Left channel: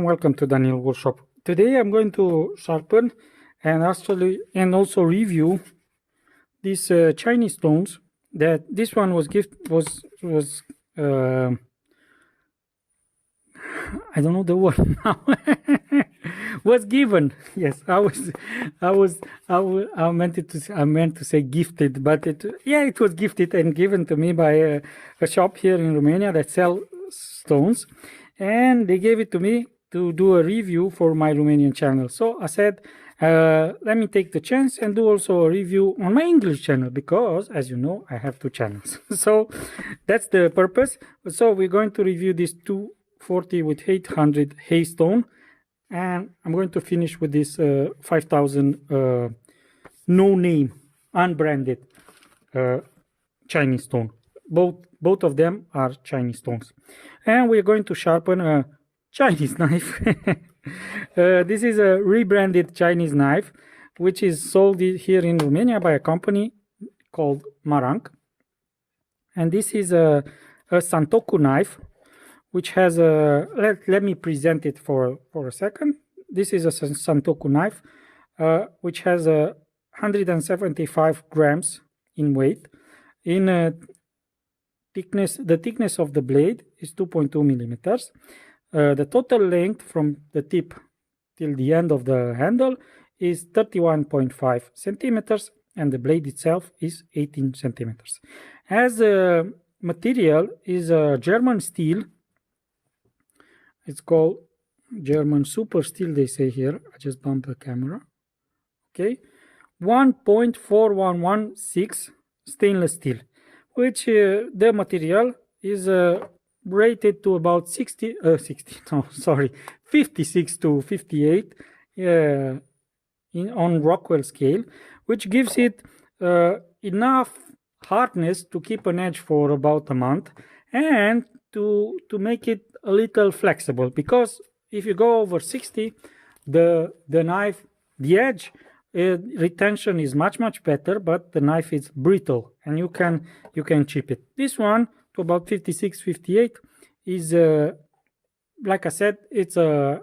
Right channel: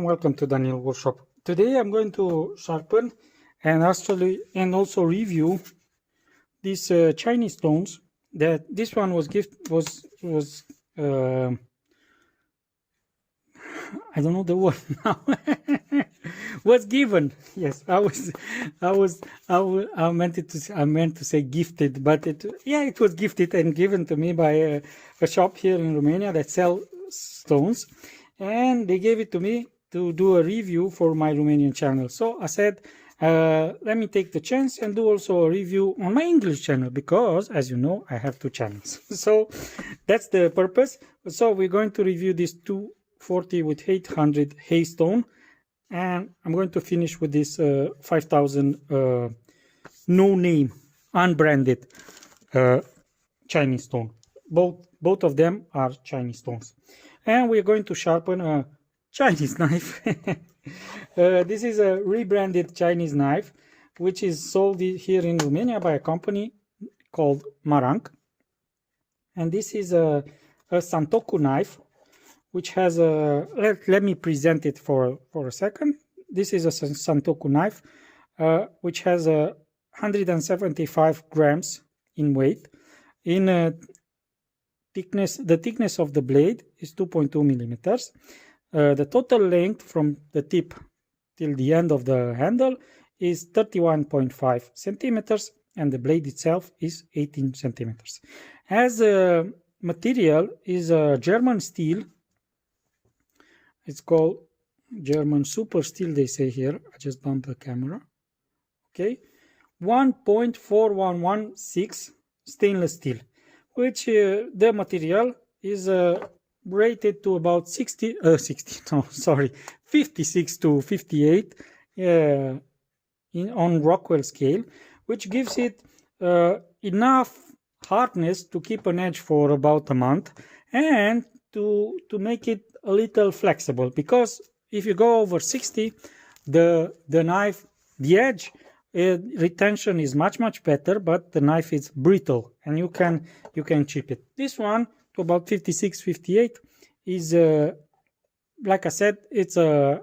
and welcome to Daniel Workshop. Today I'm going to sharpen and also review these Chinese stones. That this one was I don't know the word now. Was given. Yes, I meant to say gifted, but it was gifted and given to me by a shop here in Romania that sell stones, and they gave it to me to do a review for my Romanian channel. So I said, let me take the chance and do also a review on my English channel, because as you know, I have two channels. So that's the purpose. So we're going to review this 240 with 800 haystone, and I'm going to finish with this 5000 no name, unbranded Chinese stone. Both of them are Chinese stones, and we're going to sharpen a Chinese knife. This is a rebranded Chinese knife, which is sold here in Romania by a company called Marang. And this is a Santoku knife, which has a, let me present it for a second. This is a Santoku knife, which has a 175 grams in weight. In thickness, the thickness of the blade is 2.2 millimeters. The total length from the tip till the end of the handle is 31.5 centimeters, and the blade itself is 18 centimeters. As the material is a German steel, it's called German super steel, they say here. I just bumped the camera. Okay, 1.4116 stainless steel, which the material is rated to about 56 to 58 on Rockwell scale, which gives it enough hardness to keep an edge for about a month, and to make it a little flexible, because if you go over 60, the knife, the edge retention is much better, but the knife is brittle and you can chip it. This one to about 56, 58 is like I said, it's a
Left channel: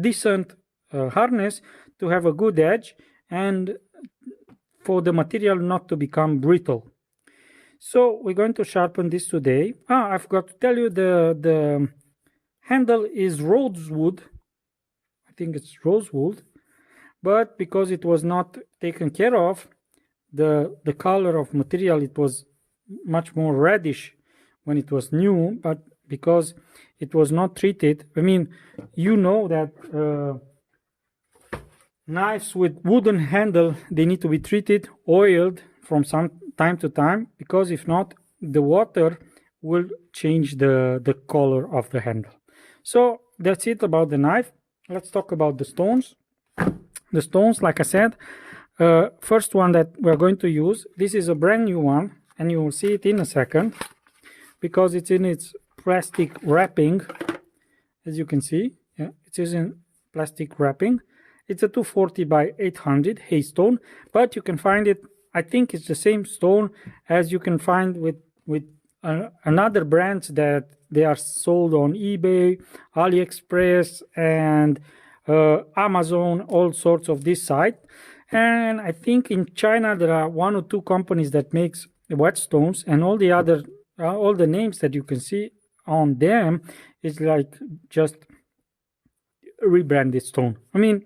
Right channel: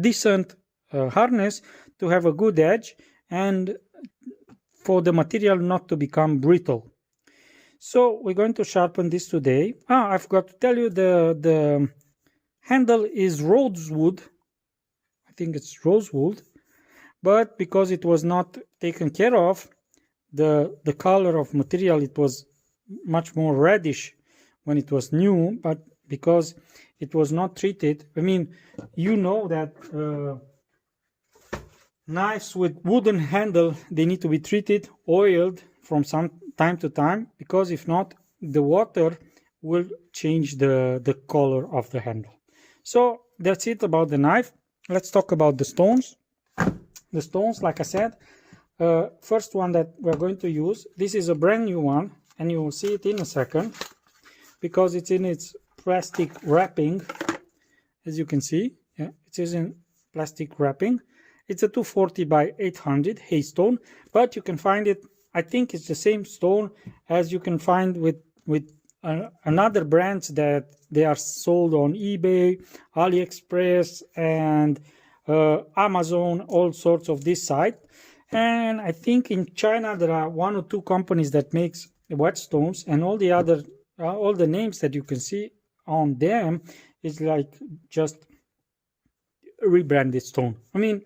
decent harness to have a good edge and for the material not to become brittle. So we're going to sharpen this today. I forgot to tell you, the handle is rosewood. I think it's rosewood, but because it was not taken care of, the color of material, it was much more reddish when it was new, but because it was not treated, I mean, you know that knives with wooden handle, they need to be treated, oiled from some time to time, because if not, the water will change the color of the handle. So that's it about the knife. Let's talk about the stones. The stones, like I said, first one that we're going to use, this is a brand new one, and you will see it in a second, because it's in its plastic wrapping. As you can see, yeah, it is in plastic wrapping. It's a 240 by 800 haystone, but you can find it, I think it's the same stone as you can find with another brands that they are sold on eBay, AliExpress, and Amazon, all sorts of this site. And I think in China there are one or two companies that makes whetstones, and all the other all the names that you can see on them is like just rebranded stone. I mean,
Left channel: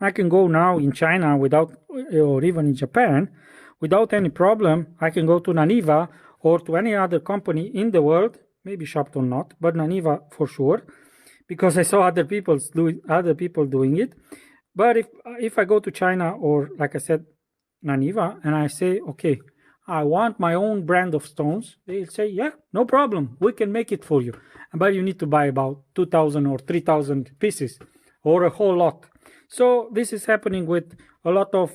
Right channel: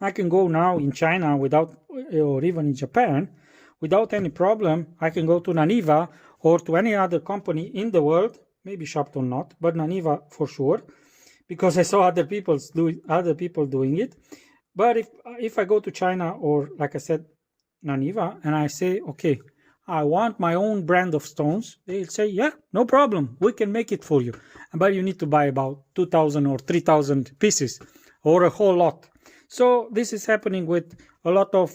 I can go now in China without, or even in Japan, without any problem. I can go to Naniva or to any other company in the world, maybe Sharpen not, but Naniva for sure, because I saw other people doing it. But if I go to China, or like I said, Naniva, and I say, okay, I want my own brand of stones, they'll say, yeah, no problem, we can make it for you. But you need to buy about 2,000 or 3,000 pieces, or a whole lot. So this is happening with a lot of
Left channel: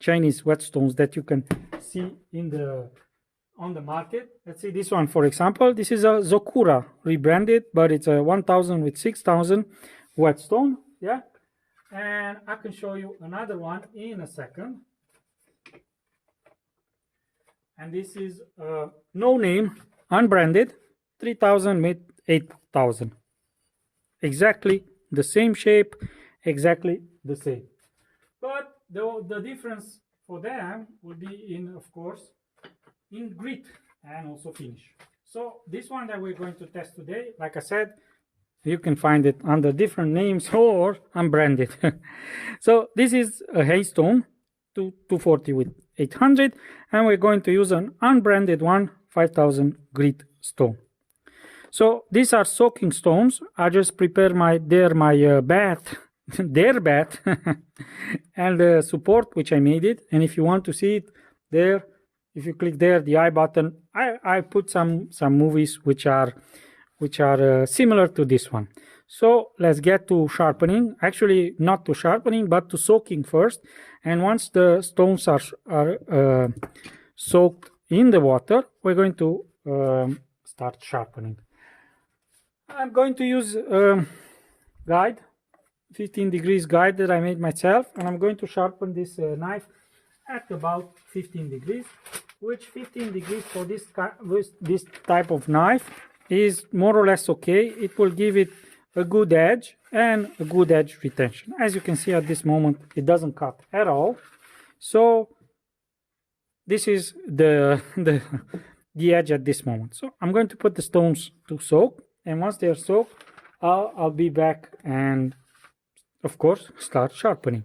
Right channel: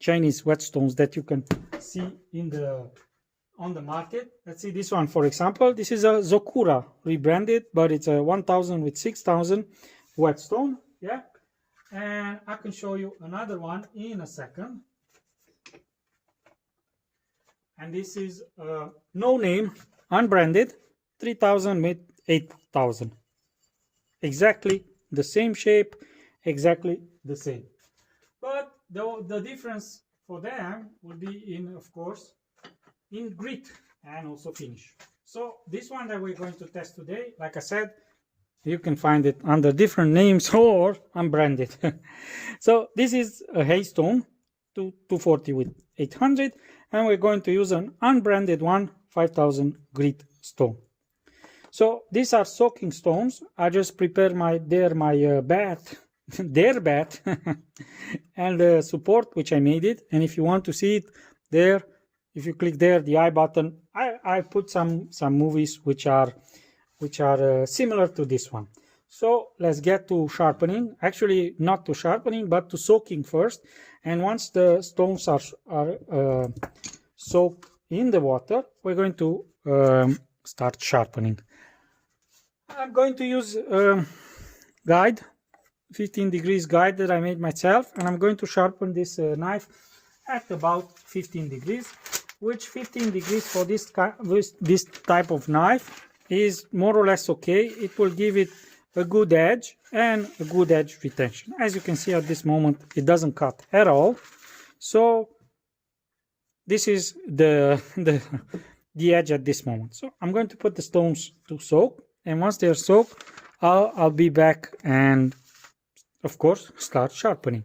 Chinese whetstones that you can see on the market. Let's see this one, for example. This is a Zokura rebranded, but it's a 1,000 with 6,000 whetstone. Yeah, and I can show you another one in a second. And this is no name, unbranded, 3,000 with 8,000. exactly the same shape, exactly the same. But the difference for them will be in, of course, in grit and also finish. So this one that we're going to test today, like I said, you can find it under different names or unbranded. So this is a haystone 240 with 800, and we're going to use an unbranded one 5000 grit stone. So these are soaking stones. I just prepare my bath, their bath, and the support which I made it. And if you want to see it there, if you click there, the I button, I put some movies which are similar to this one. So let's get to sharpening. Actually, not to sharpening, but to soaking first. And once the stones are soaked in the water, we're going to start sharpening. I'm going to use guide, 15 degrees guide that I made myself, and I'm going to sharpen this knife at about 15 degrees, which 15 degrees for this type of knife is more or less okay. It will give it a good edge and a good edge retention. As you can see at this moment, it doesn't cut at all. So this is the edge at this moment. So I'm going to put the stones to soak, and once they are soaked, I'll be back and, of course, start sharpening.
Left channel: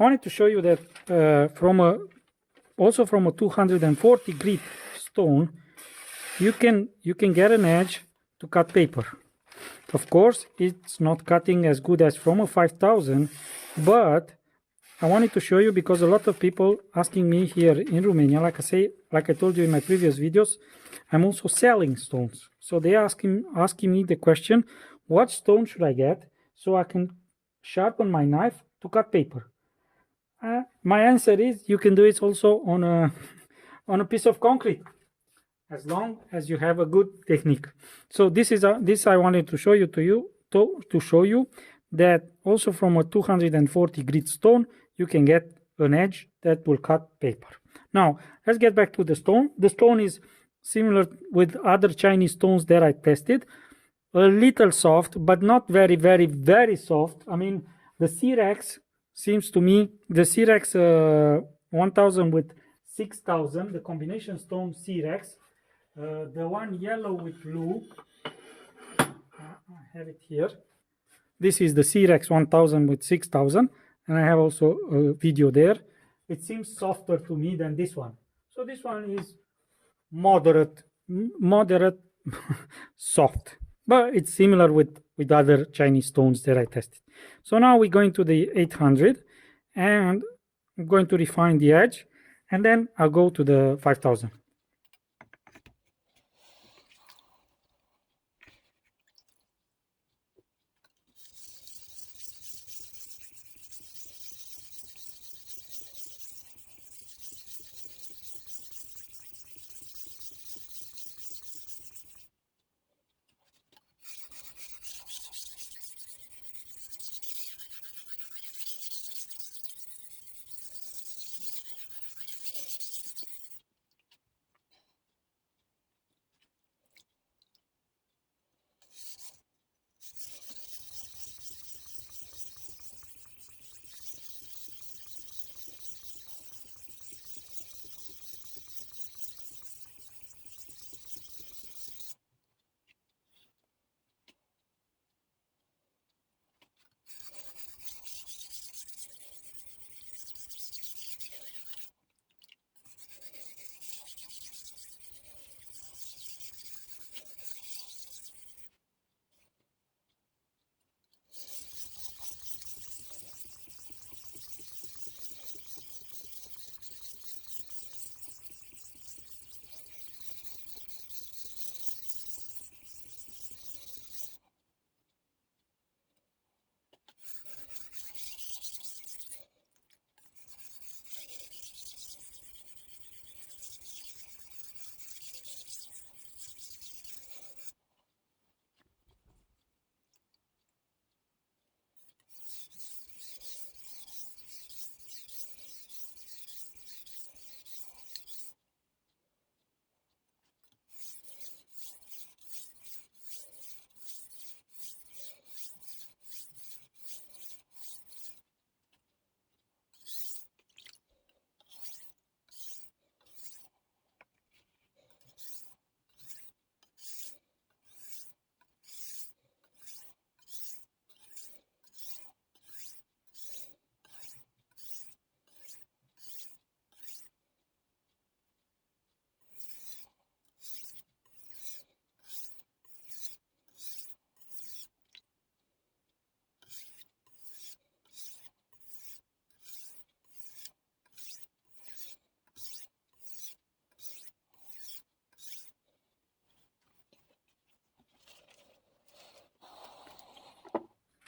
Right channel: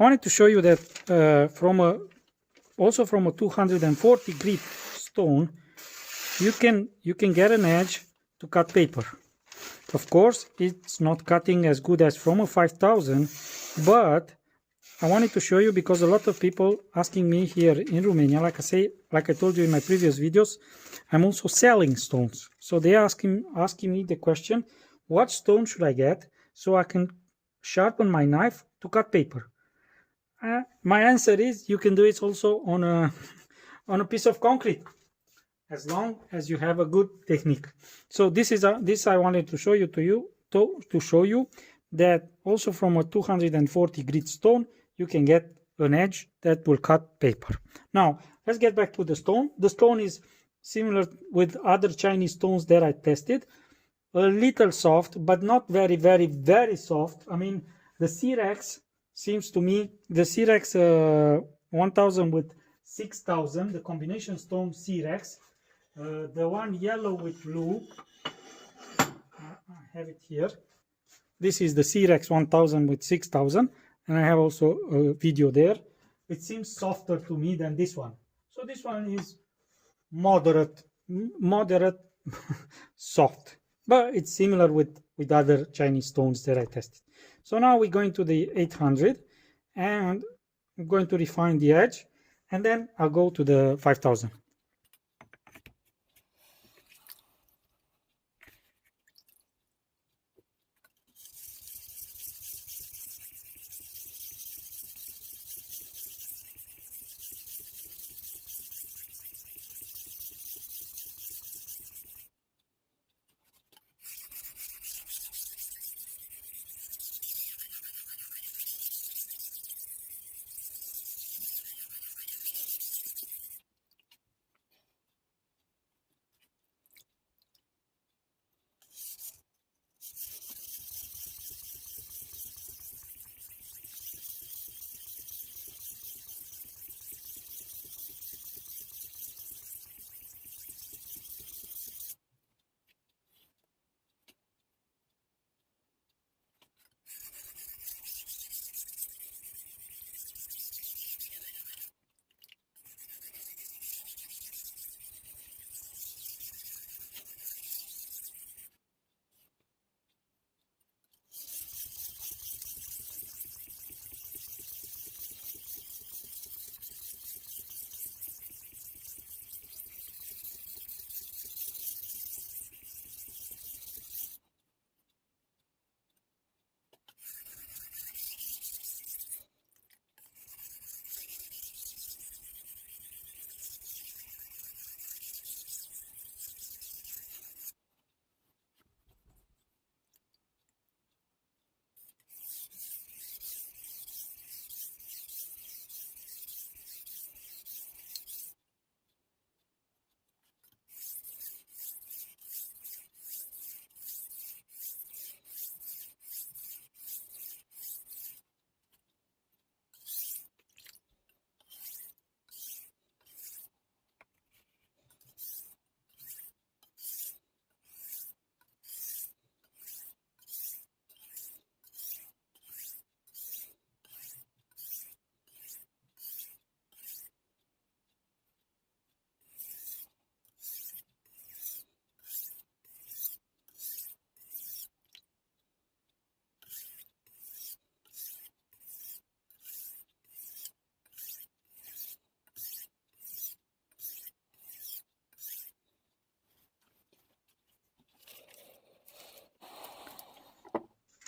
I wanted to show you that also from a 240 grit stone, you can get an edge to cut paper. Of course, it's not cutting as good as from a 5000, but I wanted to show you because a lot of people asking me here in Romania, like I told you in my previous videos, I'm also selling stones. So they asking me the question, what stone should I get so I can sharpen my knife to cut paper? My answer is you can do it also on a piece of concrete, as long as you have a good technique. So this I wanted to show you to show you that also from a 240 grit stone you can get an edge that will cut paper. Now let's get back to the stone. The stone is similar with other Chinese stones that I tested, a little soft, but not very, very, very soft. I mean, the C-Rex seems to me, the C-Rex 1000 with 6000, the combination stone C-Rex, the one yellow with blue, I have it here. This is the C-Rex 1000 with 6000, and I have also a video there. It seems softer to me than this one. So this one is moderate soft, but it's similar with other Chinese stones that I tested. So now we're going to the 800 and I'm going to refine the edge, and then I'll go to the 5000.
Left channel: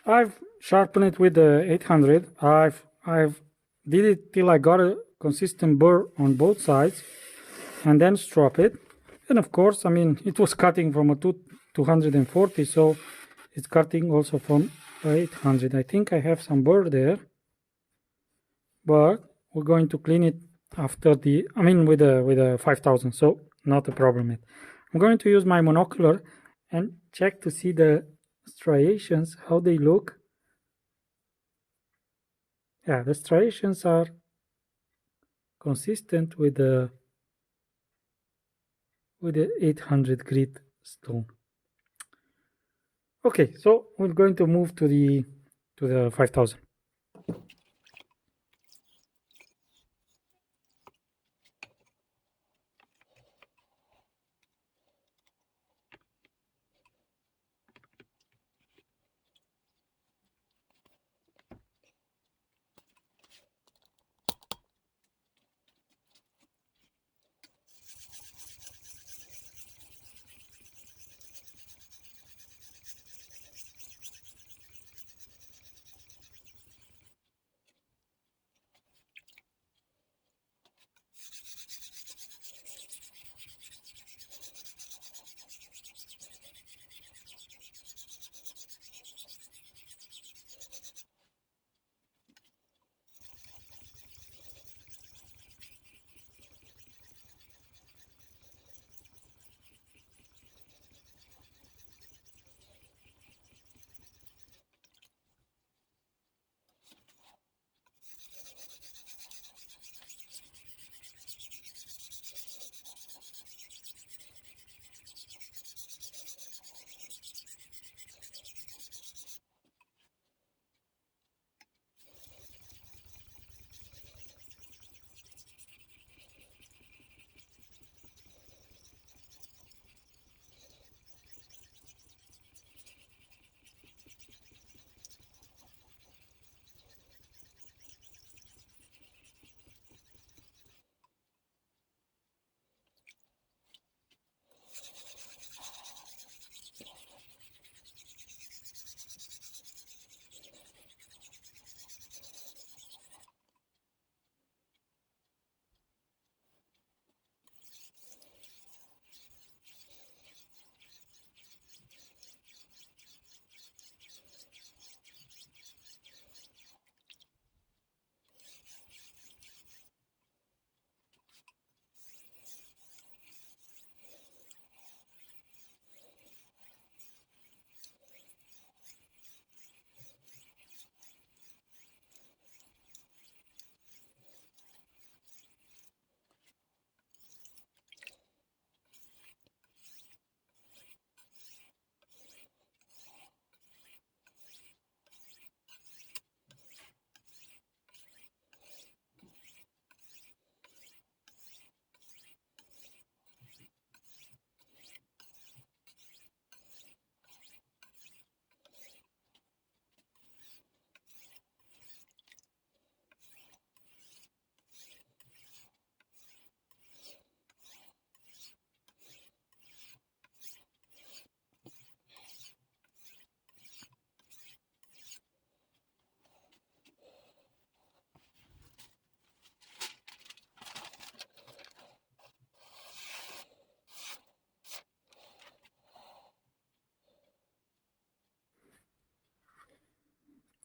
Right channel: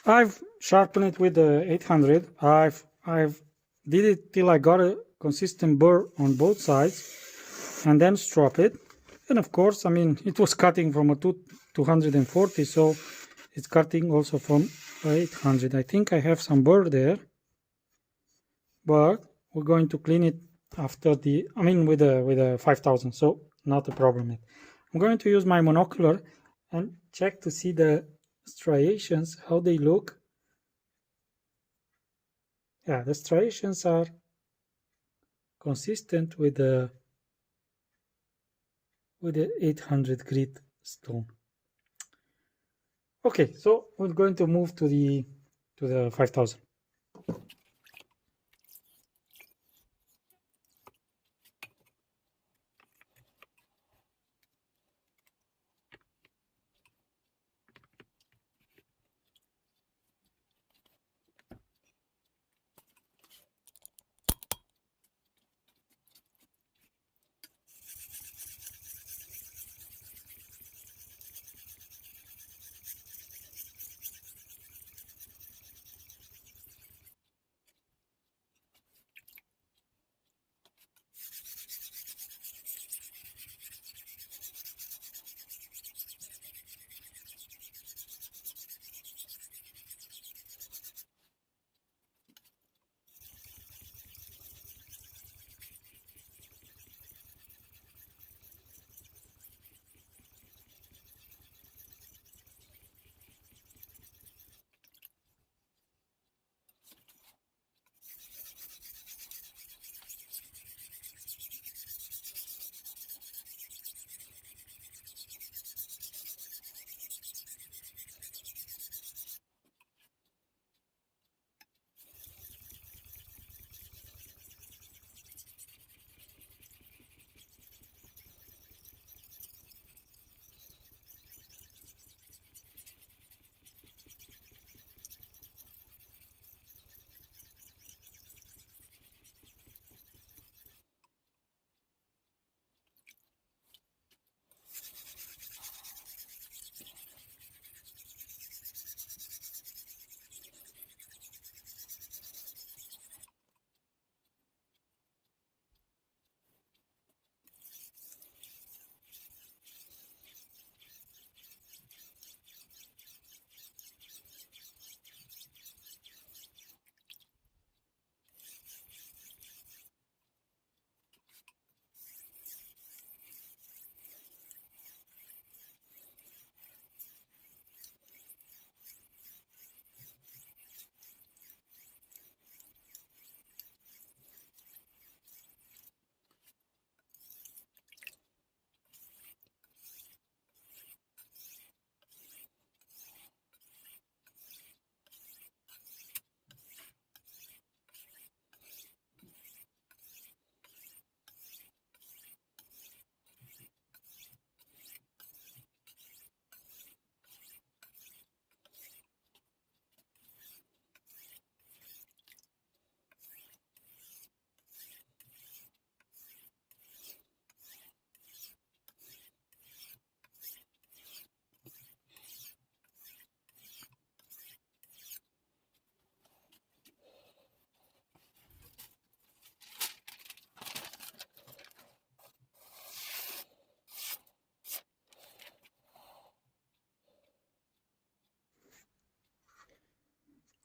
I've sharpened it with the 800. I've did it till I got a consistent burr on both sides, and then strop it. And of course, I mean, it was cutting from a 240, so it's cutting also from 800. I think I have some burr there, but we're going to clean it after the, I mean, with a 5000, so not a problem yet. I'm going to use my monocular and check to see the striations, how they look. Yeah, the striations are consistent with the 800 grit stone. Okay, so we're going to move to the 5000.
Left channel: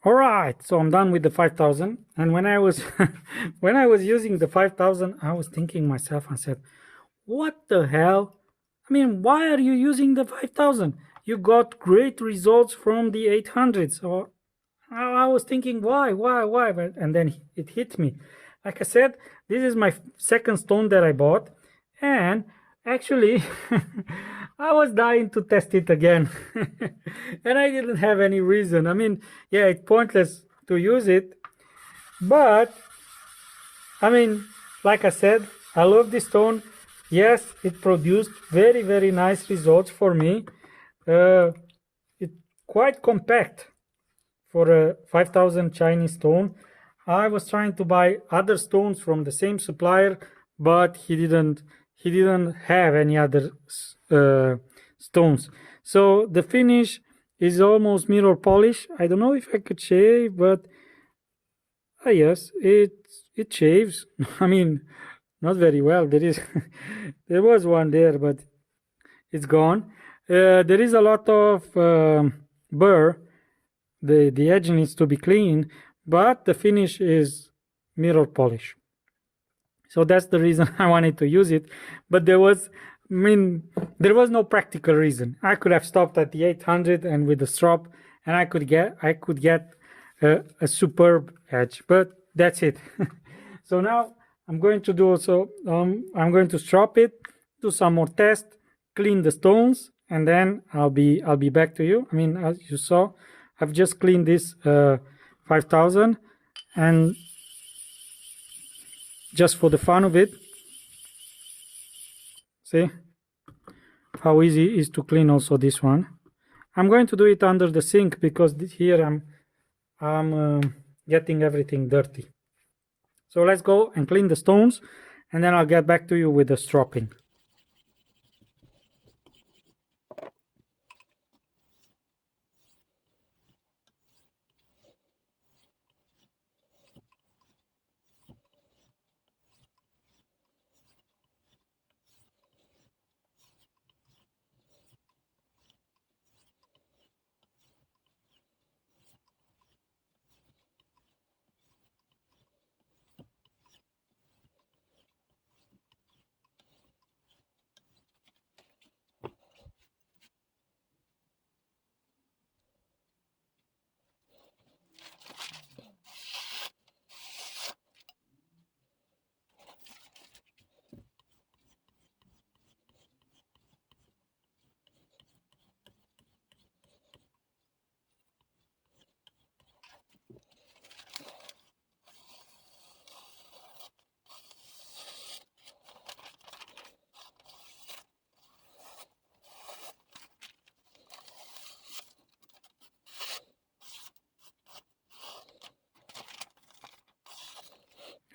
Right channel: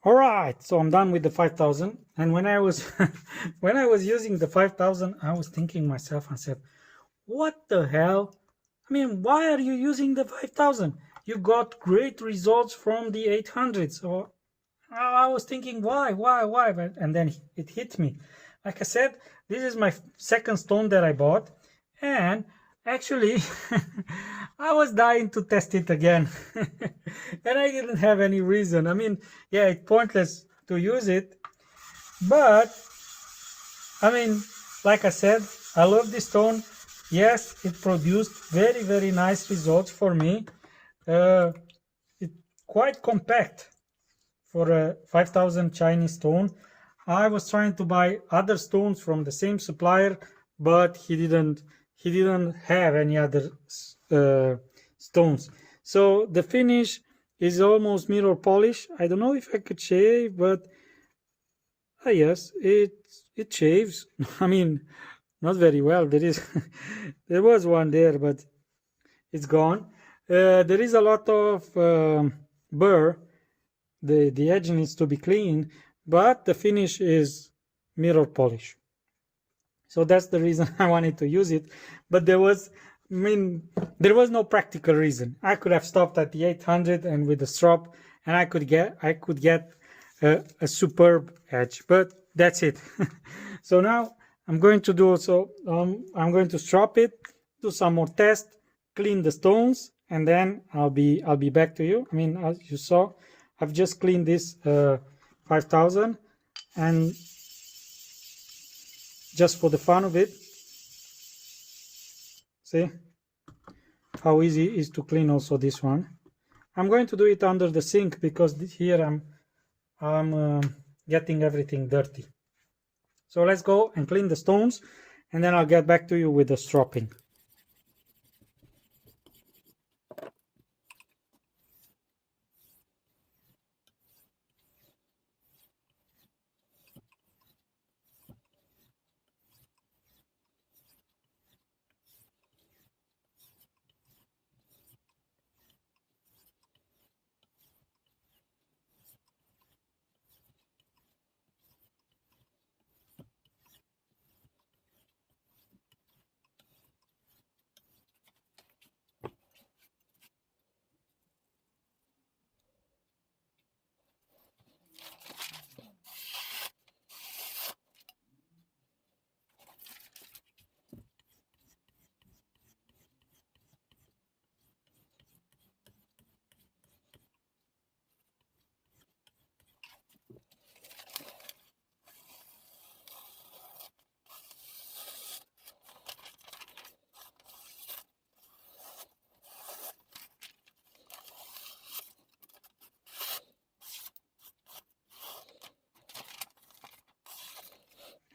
All right, so I'm done with the 5000. And when I was when I was using the 5000, I was thinking myself, I said, what the hell? I mean, why are you using the 5000? You got great results from the 800. So I was thinking, why? But, and then it hit me. Like I said, this is my second stone that I bought. And actually, I was dying to test it again. And I didn't have any reason. I mean, yeah, it's pointless to use it. But, I mean, like I said, I love this stone. Yes, it produced very, very nice results for me. It's quite compact for a 5000 Chinese stone. I was trying to buy other stones from the same supplier, but he didn't have any other stones. So the finish is almost mirror polish. I don't know if I could shave, but yes, it shaves. I mean, not very well. There was one there, but it's gone. There is a lot of burr. The edge needs to be clean, but the finish is mirror polish. So that's the reason I wanted to use it. But there was no practical reason. I could have stopped at the 800 and with the strop, and I could get a superb edge. But that's it. So now I'm going to do also. I'm going to strop it, do some more tests, clean the stones, and then I'll be back to you. I mean, as you saw, I've just cleaned this 5000, and just for the fun of it, see how easy it is to clean also this one. I'm going to do it under the sink because here I'm getting everything dirty. So let's go and clean the stones, and then I'll get back to you with the stropping.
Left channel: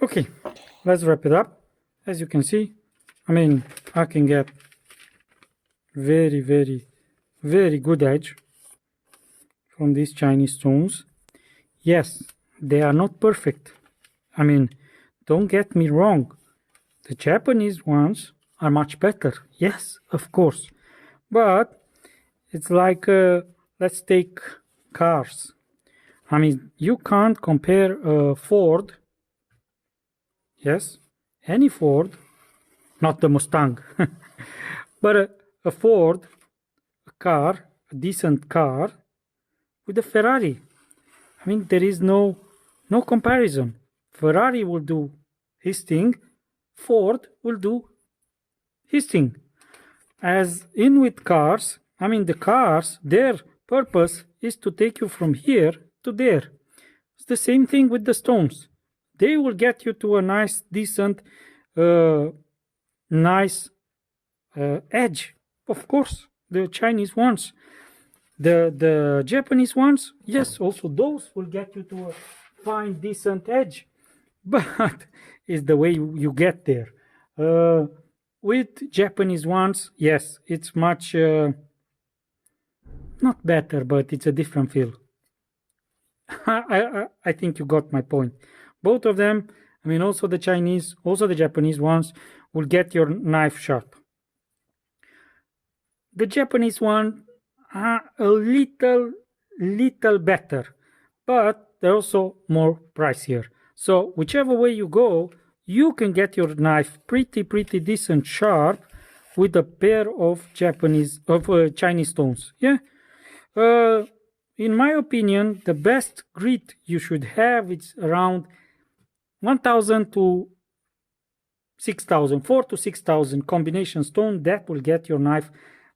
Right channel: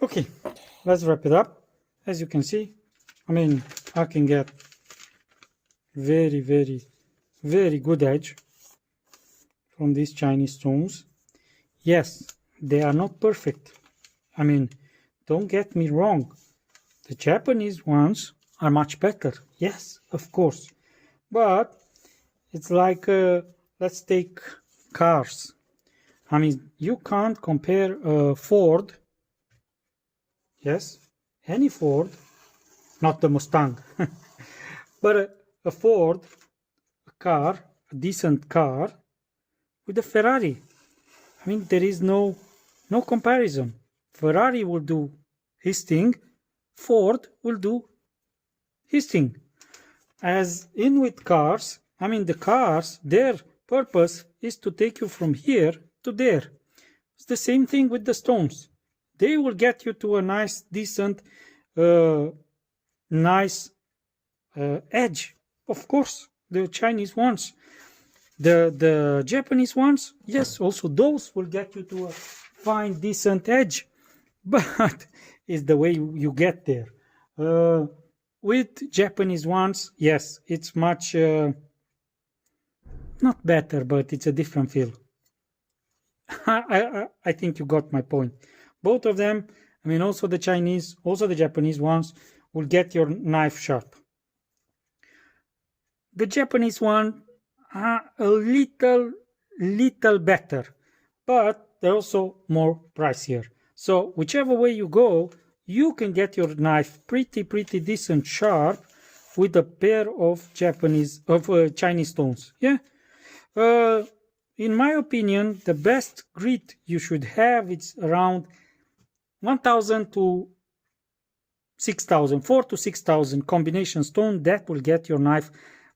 Okay, let's wrap it up. As you can see, I mean, I can get very, very, very good edge from these Chinese stones. Yes, they are not perfect. I mean, don't get me wrong. The Japanese ones are much better. Yes, of course. But it's like, let's take cars. I mean, you can't compare a Ford, yes, any Ford, not the Mustang, but a Ford, a car, a decent car, with a Ferrari. I mean, there is no comparison. Ferrari will do his thing, Ford will do his thing. As in with cars, I mean, the cars, their purpose is to take you from here to there. It's the same thing with the stones. They will get you to a nice, decent, nice edge. Of course, the Chinese ones. The Japanese ones, yes, also those will get you to a fine, decent edge. But it's the way you get there. With Japanese ones, yes, it's much not better, but it's a different feel. I think you got my point. Both of them, I mean, also the Chinese, also the Japanese ones, will get your knife sharp. The Japanese one, a little better, but they're also more pricier. So whichever way you go, you can get your knife pretty decent sharp with a pair of Chinese stones. Yeah. In my opinion, the best grit you should have is around 1,000 to 6,000, 4 to 6,000 combination stone. That will get your knife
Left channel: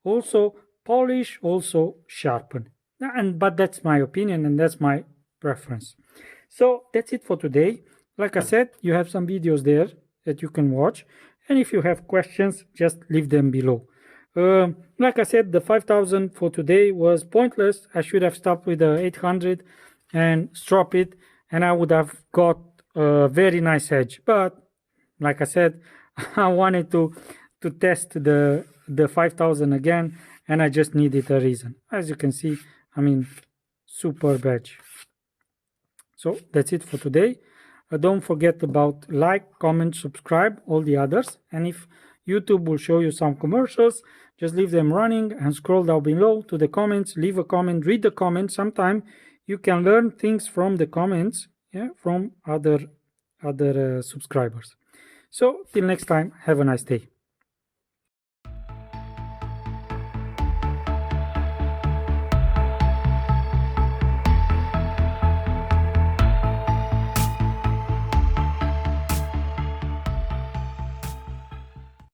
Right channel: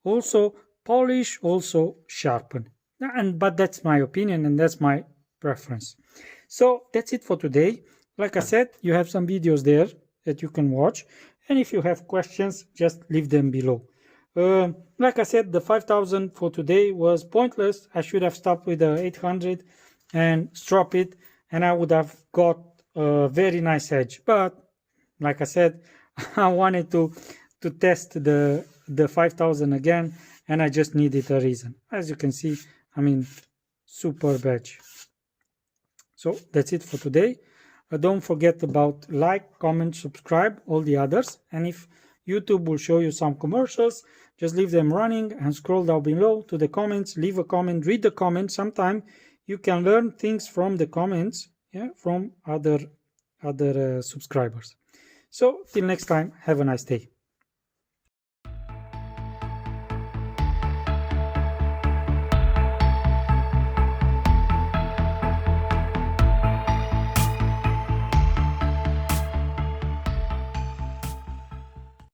also polished, also sharpened. But that's my opinion and that's my preference. So that's it for today. Like I said, you have some videos there that you can watch, and if you have questions, just leave them below. Like I said, the 5,000 for today was pointless. I should have stopped with the 800 and strop it, and I would have got a very nice edge. But like I said, I wanted to test the 5,000 again, and I just needed a reason. As you can see, I mean, superb edge. So that's it for today. Don't forget about like, comment, subscribe, all the others. And if YouTube will show you some commercials, just leave them running and scroll down below to the comments, leave a comment, read the comments. Sometimes you can learn things from the comments, yeah, from other subscribers. So till next time, have a nice day.